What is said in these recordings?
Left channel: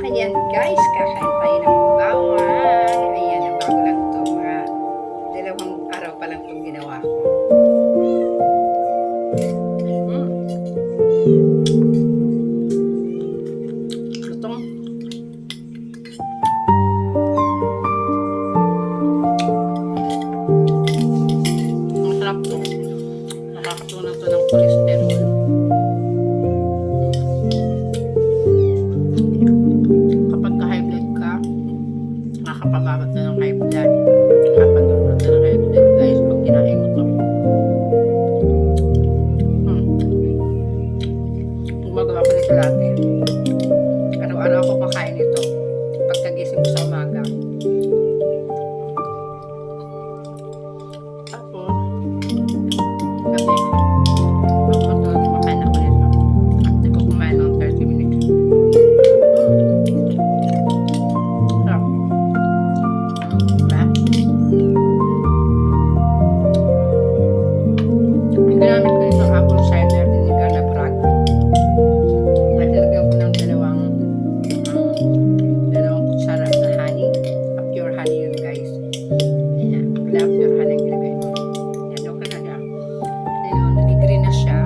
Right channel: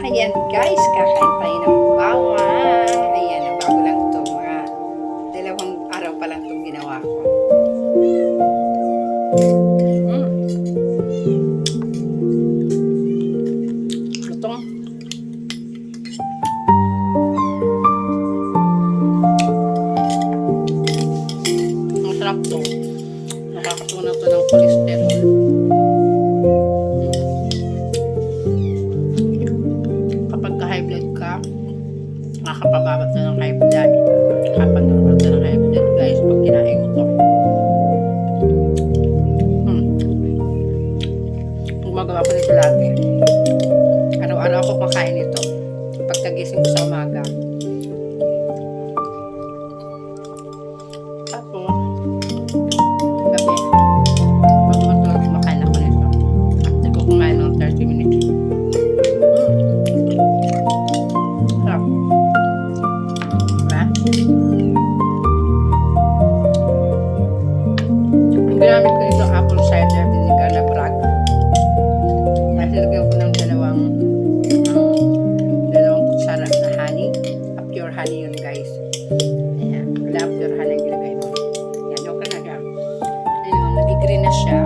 Ayan guys, kakain tayo ng bawang. Ayan, bago lang to. Mga 2 araw pa lang itong ginawa ko. Lutong. Masarap to. Nakakatunan to ng cholesterol. Nakakapababat na ng high blood. Nakapanormal na ng high blood guys pag kinain mo to. Gumagawa ko nito lagi. Araw-araw ako makain ito. Pagkagising ko sa umaga. Tapos, gabi, bago matulog, kumakain ako nito. After ko kumain ng 30 minutes. Sarap. Ginamit ko ito apple cider vinegar na brag. Nilagyan ko ng dalawang kutsara na honey. Pure honey yun guys. Ayan. Wala pure honey ang ilagay mo. Ayan. Okay na siya. Ayun. Nag-green na siya.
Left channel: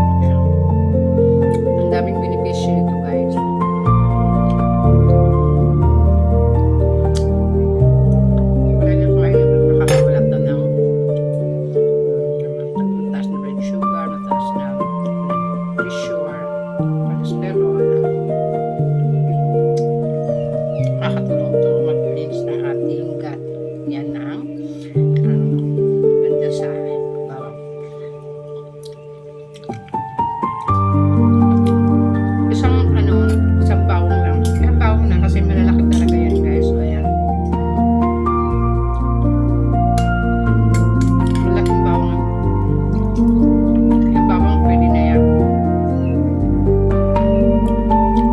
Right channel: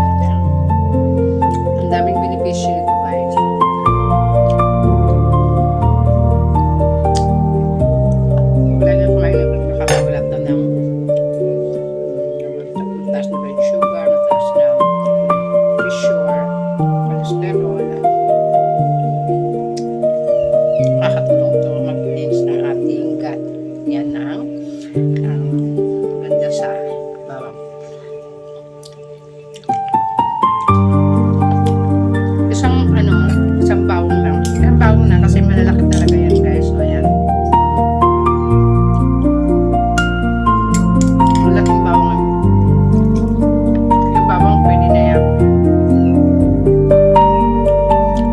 Ayan. Ang daming benepisyo nito guys. Wala na kumain na nakakawalat na ng mataas na blood sugar, mataas na pressure, cholesterol. Nakakatulong to mag-cleanse ng ating gut. Yan ang ganda sa bawang. Isang bawang lang. Isang bawang na kasi malalaki talaga yan guys. So ayan. Malaking bawang. Yung bawang pwede na yan.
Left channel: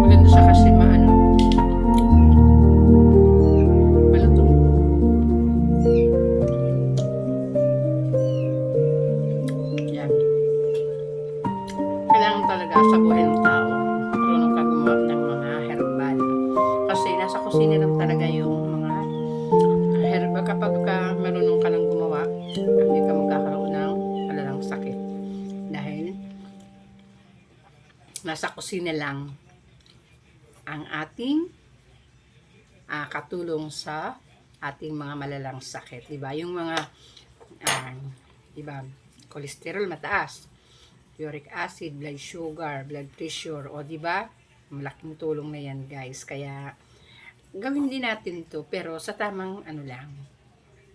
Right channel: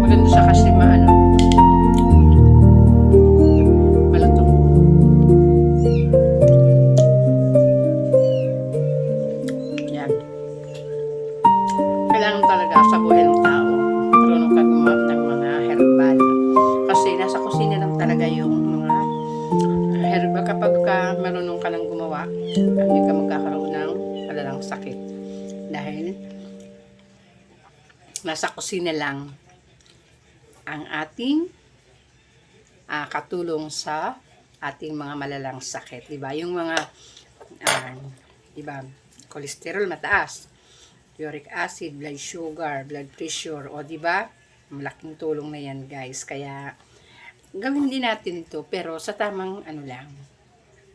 Maganda siya kasi malutong. Yan. Kailangan talaga sa buhay ng tao marunong ka gumawa ng mga herbal. Kasi nasa kusina lang talaga yung mga herbal. Kapag marunong ka nang gumawa, hindi ka magkakaroon ng malalang sakit. Dahil nasa kusina lang ang ating katulong sa ating mga malalang sakit. Diba? Yung mga diba, cholesterol mataas, uric acid, blood sugar, blood pressure, o diba? Malaking tulong na yan guys. Kaya gawin din natin ito pero sa tamang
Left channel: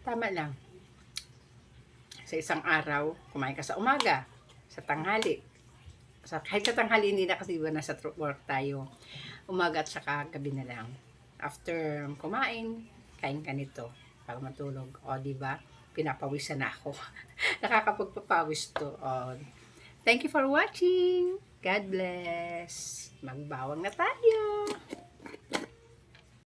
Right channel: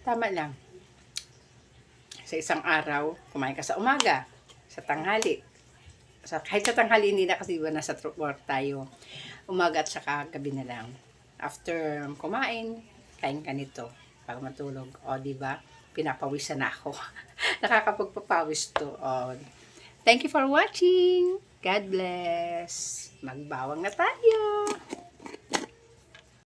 tama lang. Sa isang araw, kumain ka sa umaga, sa tanghali. Kahit sa tanghali, hindi na kasi iba nasa work tayo. Umaga at saka gabi na lang. After kumain, kain ka nito para matulog. O, diba? Pinapawisan na ako. Nakakapagpapawis to. O, thank you for watching. God bless. Magbawang na tayo.